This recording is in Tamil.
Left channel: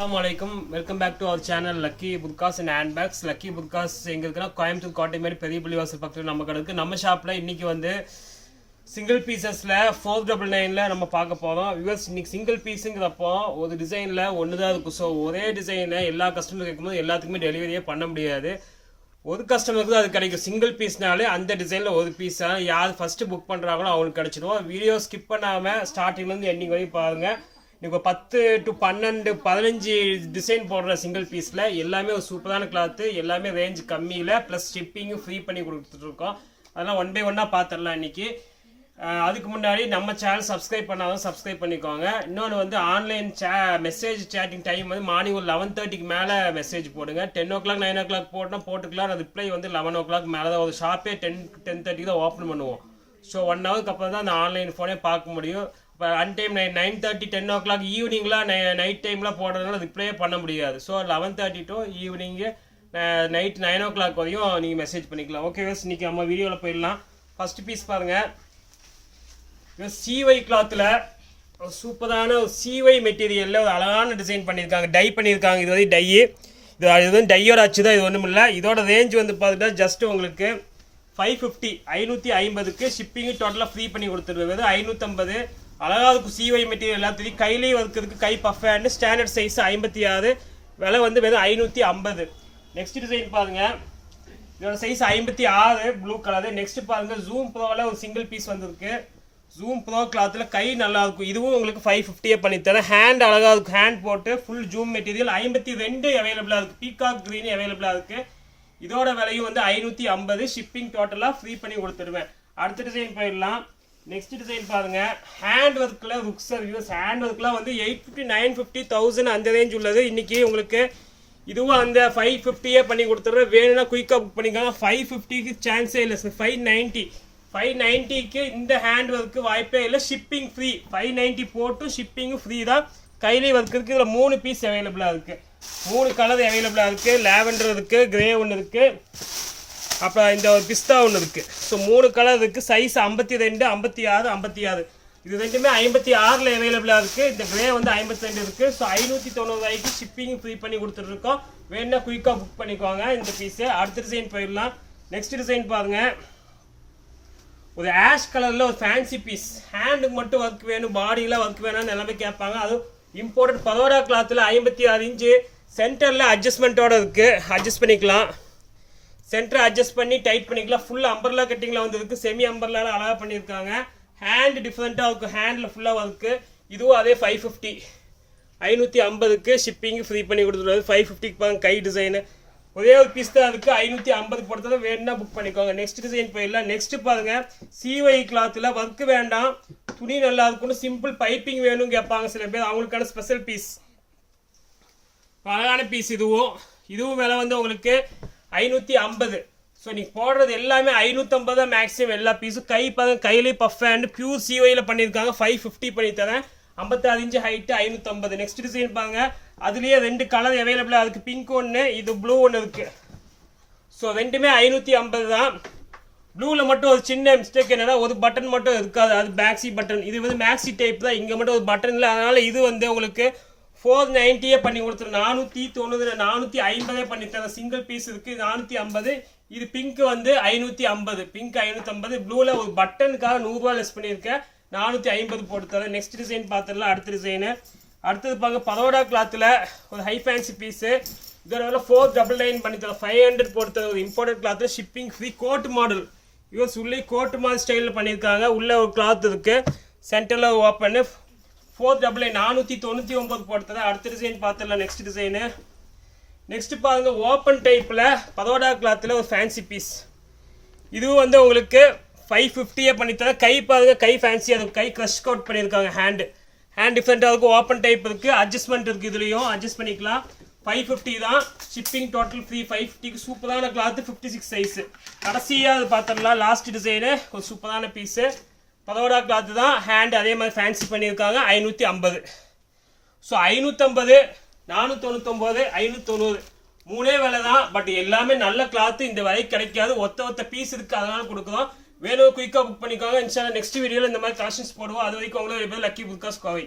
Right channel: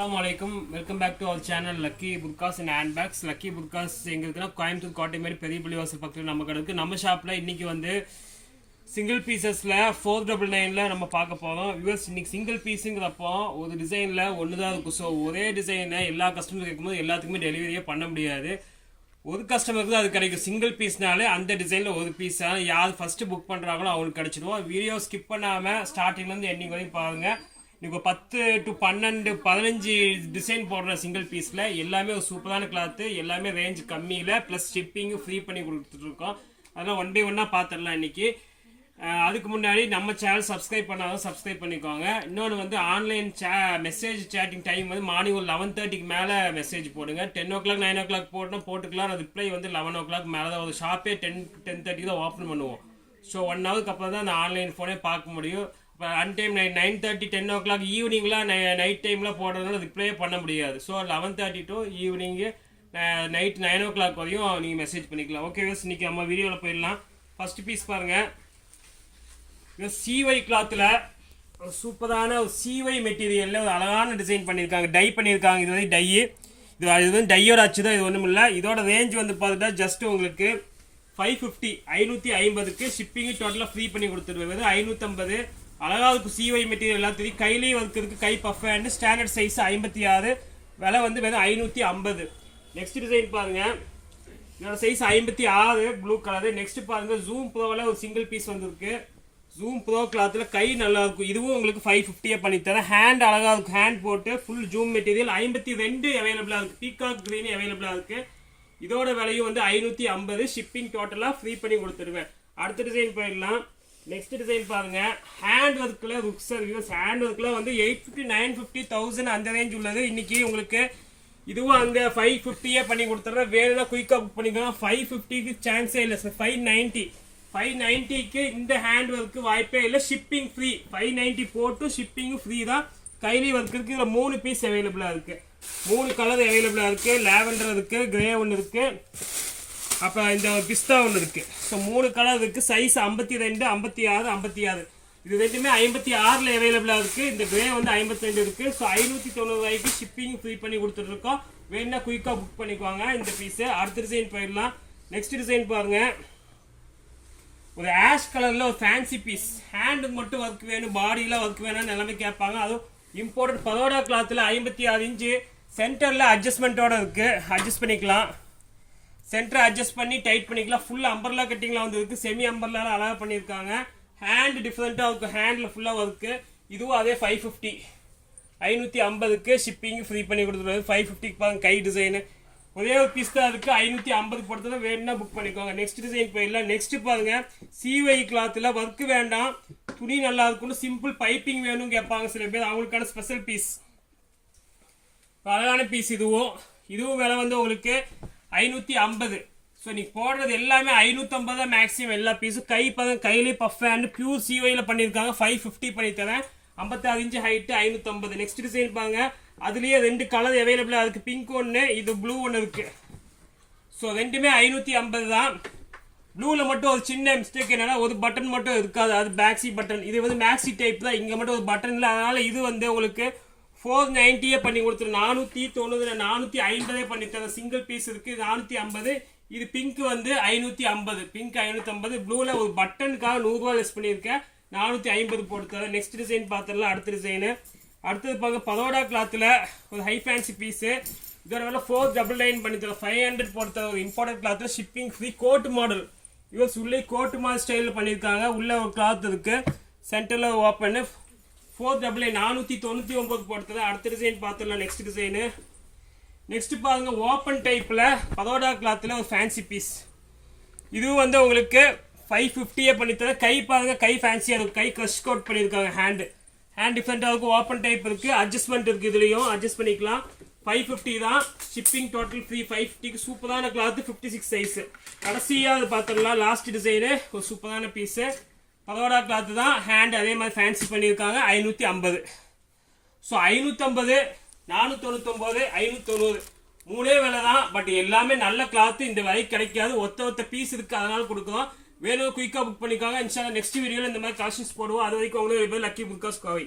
அஸ்லாம் வலைக்கும் welcome back to our channel Lucky புட்காஸ் and hand bags lucky புட்காஸ் எங்க இருக்குன்னா கோயம்புத்தூர் கோட்டை மாதிரி பெரிய புள்ளிவாசல் பக்கத்தில் நம்ம கடலுக்கு நம்ம ஷாப்பில் இன்னைக்கு வந்து சிங்கிள் பீசஸில் ஃபோர் டபுள் நைனில் நம்ம பார்க்க போகிறோம் பிகாஸ் இன்னைக்கு சிங்கிள் பீஸுங்கிறப்போ ஒரு டிசைனில் ஒன்று தான் இருக்கும். ஸோ ஒரே டிசைனை எல்லா கஸ்டமர் கேட்கும்போது எல்லாத்துக்குமே டெலிவரியே பண்ண முடியாது. ஒரு கஸ்டமருக்கு தான் அது கிடைக்கும். சிங்கிள் பீஸ்னாலே அந்த டிசைனில் ஒரு பீஸ் யார் ஃபஸ்ட்டு புக் பண்ணுறாங்களோ அவங்களுக்கு கிடைச்சிடும். வீடியோ ஸ்கிப் பண்ணாமல் ஸ்டார்டிங்லேருந்து எண்டிங் வரையும் பாருங்கள் இப்போ பத்து டு பன்னெண்டு பதினஞ்சு டிசைன் போடுற சிங்கிள் பீஸில் எல்லாமே ஒரு சூப்பரான கிளாத்து எல்லாமே ரேஞ்ச் கம்மியில் ப்ளஸ் ஷிப்பிங்கும் ஃப்ரீ பண்ணி கொடுத்துட்ருக்கோம். அதெல்லாம் ஒன் பை ஒன்னாக பார்த்துடலாம் இன்னைக்கு. அதுக்கு முன்னாடி நம்ம சேனல் சப்ஸ்கிரைப் பண்ணாலும் சப்ஸ்கிரைப் பண்ணிக்கோங்க. இன்னொன்று வந்து online say message chatting time வந்து மார்னிங் ஒரு லெவன் தேர்ட்டிக்கு மேலே மெசேஜ் போடுங்க. Ten o'clock nine o'clock போட்டோம் போட்டுக்கலாம் ரிப்ளை வந்து லெவன் ஓ கிளாக் மேலே தான் ஒரு ஷாப்பே டென் டென் தேர்ட்டிக்கு தான் ஓப்பன் பண்ணுவோம். ஸோ ஒன் ஹவருக்கு அப்புறம் தான் அந்த ஆன்லைன் ஃபோனே பார்க்க முடியும். இப்போ an time nine nine thirty ten o'clock ஈவினிங்லாம் night டைம்லாம் போடுறதுனால ரிப்ளையே பண்ண முடியாது. So eleven thirty to evening night nine o'clock வரையும் நீங்கள் மெசேஜ் பண்ணிக்கலாம். ஓகே இன்னைக்கு நம்ம வீடியோவில் போயிடலாம். ஃபஸ்ட்டு பீஸ் பாருங்கள் சிவை கிளாத்தில் ஒரு சூப்பரான ஒரு சிவை மெட்டீரியலில் ஒரு அழகான டிசைன் பண்ணியிருக்காங்க. டை பண்ணியிருக்காங்க. இது வந்து டையு இது இது வந்து டையோட அச்சு தான். இது ஒன்றும் இல்லை. இதோட ரேஞ்ச் வந்து பார்த்துட்டா ஜஸ்ட் உங்களுக்கு ஃபைவ் ஃபிஃப்டி ஐநூற்றி ஐம்பதுக்கு ஷிப்பிங்கு டோட்டலாக ஃப்ரீ பண்ணி கொடுத்துருவேன். ஐநூற்றம்பது அழகாக இருக்கும் சிவை மெட்டீரியல் எல்லாத்தையும் கையிலேயே இருக்கிறதுக்கு கை பஃப் ஹேண்டு ஸ்டாண்டர்ட் சைஸ் ஐம்பத்தி ஆறு. விலை வந்து வெறும் ஐநூற்றி ஐம்பது. நெக்ஸ்ட் டிசைன் பாருங்கள் இதோட சைஸ் ஐம்பத்தி ஆறு ப்ளூ கலரு நெக்ஸ்ட் பாருங்கள் ஜூம் ப்ரோவில் ஒரு சிங்கிள் பீஸ் வந்திருக்கு. ஜூம் ப்ரோ கிளாத்தில் கை நல்லாயிருக்கும் இதுவும் உங்களுக்கு ஃபைவ் ஃபிஃப்டியே பண்ணித்தரேன் ஹேண்ட் அழகாக இருக்கும் ஹேண்ட் போட்டு ஃபுல் ஜூம் மெட்டீரியல் ஐம்பத்தி ரெண்டு அவைலபிளாக இருக்குது பீகாக் க்ரீன் அவைலபிளாக இருக்குது இதோட விலையும் வந்து ஐநூற்றி ஐம்பது. ஷிப்பிங் டோட்டலாக ஃப்ரீ பண்ணி கொடுத்துருவேன். அடுத்த டிசைன் போயிடலாம். நெக்ஸ்ட் டிசைன் பாருங்க. ஹேண்ட் ஒர்க்கில் ருக்ஸ் யூஸ் ஹேண்ட் ஒர்க்கில் வந்து eight fifty nine fifty thousand அந்த ரேஞ்ச் உள்ளது. இன்னைக்கு உங்களுக்கு இதுவும் அந்த ஃபைவ் ஃபிஃப்டியே பண்ணி கொடுத்துட்றேன். வேணும்னா குயிக்காக புக் பண்ணிக்கலாம் ஃபைவ் ஃபிஃப்டிக்கு சான்ஸே இல்லை சார் ஃபைவ் நைன்ட்டி ஃபைவ் நைன்ட்டிக்கு இந்த ஹேண்ட் ஒர்க்கு வாய்ப்பே இல்லை. ஷிப்பிங் ஃப்ரீ ஃபைவ் நைன்ட்டி போட்டு ஷிப்பிங்கும் ஃப்ரீ தான் கையிலே ஒர்க் இருக்குது இதில் மூணு பீஸ் அவைலபிளாக இருக்குது மூணு கலர் அவைலபிளாக இருக்குது லேவெண்டர் இருக்குது கிரே ஒன்று இருக்குது அப்புறம் இந்த ஒரு பிஸ்தா ஒன்று இருக்குது ஸோ மூணு கலர் இருக்குது சைஸ் ஐம்பத்தி ரெண்டு ஐம்பத்தி ஆறு ஐம்பத்தி ஆறு. இது ரெண்டுமே ஐம்பத்தி ஆறில் அவைலபிளாக இருக்குது இந்த கிரே வந்து ஐம்பத்தி ரெண்டு இருக்குது ஸோ ஐநூற்றி தொண்ணூறு ரூபாய்க்கு ஷிப்பிங் ஃப்ரீ பண்ணி கொடுத்துட்ருக்கோம். வேணுன்னா குயிக்காக புக் பண்ணிக்குவாங்க இந்த பீஸு அடுத்த டிசைன் போயிடலாம். நெக்ஸ்ட் டிசைன் பாருங்கள் ஒரு ஆஷ் கலரில் ஒரு ஃபேன்சி பீஸ் ஹேண்டுக்கு மட்டும் ஒர்க் வேணும். பாடியில் ஒர்க் வேணும்னு எல்லாமே கேட்பாங்க. அதுவும் இம்போர்ட்டட் பரோடா கிளாத்தில் ஐம்பத்தி ஆறு இன்ச்சு சென்டரில் அட்ஜஸ்ட்மெண்ட்டோட இருக்குது அட்ஜஸ்ட் பண்ணிக்கலாம். சென்டரை அட்ஜஸ்ட் பண்ணி டைட் பண்ணிக்கலாம். ஃபுல் அம்பர்லா கட்டிங்கில் வந்ததுக்கு செமி அம்பர்லால அழகாக பண்ணியிருக்காங்க. ஹேண்ட் டிஃப்ரெண்ட்டாக இருக்கும் ஹேண்டில் ஃபுல்லாக ஒர்க்கு இதுவும் அதே ஃபைவ் ஃபிஃப்டி ஐநூற்றி ஐம்பதுக்கு ஷிப்பிங் ஃப்ரீ பண்ணி கொடுத்துருவாரு ஃபைவ் ஃபிஃப்டிக்கு பாருங்க கை டிசைனு ஒரே ஒரு பீஸ் தான் இருக்குது ஐநூற்றி ஐம்பது பொறுத்தது வேணும்னா புக் பண்ணிக்கோங்க. நெக்ஸ்ட் டிசைன் போயிடலாம். நெக்ஸ்ட் பாருங்க சிவை கிளாத்தில் ஒர்க் வேண்டாம். துணி நல்லா இருக்கணும் சிம்பிள் பைப்பிங் வேணும்னு கேட்பாங்க சில பேர். அவங்களுக்கான ஸ்பெஷல் பீஸ் அழகான பீஸ் இதுவும். இதுவும் விலை வந்து உங்களுக்கு ஐநூற்றி ஐம்பது. ஸோ நீங்கள் போடுறது எல்லாமே ஐநூற்றம்பது தான் மேக்ஸிமம் எல்லா பீஸும் கை பதம் கையிலே பஃப் ஹேண்ட் பியூர் சிவையில் பண்ணியிருக்காங்க. ஃபைவ் ஃபிஃப்டி பண்ணி தரேன். ஐம்பத்தாறு இன்ச்சு ஹைட்டு ஐநூற்றம்பது நெக்ஸ்ட் டிசைன் பாருங்க. அதுலேயே ரெண்டு கலர் அவைலபிளாக இருக்குது பிங்க் ஒன்று இது ப்ளூ ஒன்று இருக்குது ஸோ ரெண்டுமே ஐநூற்றி ஐம்பது தான். ப்ளூவில் மட்டும் ஒரு சின்ன மிஸ்டேக் என்னென்னா ஒரு பட்டன் மட்டும் இருக்காது. அது மேக்ஸி பட்டன் இது வந்து மேக்ஸி டைப் தான். இங்கே மட்டும் ஒரு பட்டன் இல்லை. அதனால் இது வந்து உங்களுக்கு ஃபோர் நைன்ட்டியே பண்ணி கொடுத்துரு. நானூற்றி தொண்ணூறு நானூற்றி ஐம்பதே பண்ணி தரேன் சிங்கிள் பீஸ் இருக்குது நானூற்றி ஐம்பது. இது பிங்க் வந்து ஐநூற்றி ஐம்பது. பிங்க் ஐநூற்றி ஐம்பது. ப்ளூவில் ஒரு பட்டனுக்காக நூறுரூவா லெஸ் பண்ணியிருக்கேன். நானூற்றி ஐம்பது போட்டு தரேன். நெக்ஸ்ட் டிசைன் பார்த்துடலாம் அடுத்த டிசைனு அடுத்தது பாருங்க பதோடா கிளாத்தில் ஒரு ஹை ஃபேன்சி பீஸு இதோட வந்து ஃபோர் டபுள் நைன் பண்ணி தரேன். ஃபைவ் ஹண்ட்ரட் போட்டு தரேன். ஒரு இம்பார்ட்டன்ட் கிளாத்தில் shipping free coat model US உள்ளே கோட் மாதிரி ஸ்டைலில் பண்ணியிருக்காங்க. உள்ளே ஒரு கிளாத் இருக்குது சென்டரில் ஓப்பன் ஃபோர் டபுள் நைன் நானூற்றி தொண்ணூற்றி ஒம்பது போட்டு அடுத்த டிசைன் பார்த்துடலாம் நெக்ஸ்ட் டிசைனு நெக்ஸ்ட் பாருங்கள் ஓப்பன் டைப்பில் பதோடா கிளாத்தில் ஒரு ஃபேன்சி பீஸ் இதுவும் வந்து உங்களுக்கு ஃபைவ் ஃபிஃப்டியே பண்ணித்தரேன் கை பாருங்க கை ஃபேன்சி அது கை க்ரஷ் கவுட் பண்ணியிருக்காங்க ஹேண்டு ஹேண்ட் டிஃப்ரெண்ட்டாக இருக்கும் ஓப்பன் டைப் இருக்குது அட்ஜஸ்ட்மெண்ட் இருக்குது இதுலேயும். அட்ஜஸ்ட் பண்ணிக்கலாம். ஃபைவ் ஃபிஃப்டி தான். ஷிப்பிங் டோட்டல் ஃப்ரீ ஃபைவ் ஃபிஃப்டிக்கு சூப்பரான கிளாத்து ஃபிஃப்டி சிக்ஸ் சைஸு கடைசியாக அது பார்த்துடலாம். லாஸ்ட் டிசைனு ஒரு சூப்பரான பீஸு பதோடா கிளாத்து தான் ஹேண்ட் அதே மாதிரி ஃபேன்சி பண்ணியிருக்காங்க. ஐநூற்றி ஐம்பது. ஸோ ஐநூற்றம்பது நானூற்றொண்ணூத்தொம்போது ஐநூற்றொண்ணூறு மூணே விலை தான் பட் எல்லாமே நல்ல கிளாத்து இந்த விலை கிடைக்காது. ஒத்த ஒத்த பீஸ் இருக்குது அதனால் கொடுக்குறோம். வேணும் குயிக்காக புக் பண்ணிக்கோங்க. இன்ஷா நெக்ஸ்ட் வீடியோவில் இந்த மாதிரி கலெக்ஷன்ஸ் போடுவோம். அது வரைக்கும் உங்களுக்கு லக்கி புக்காஸ் கோவை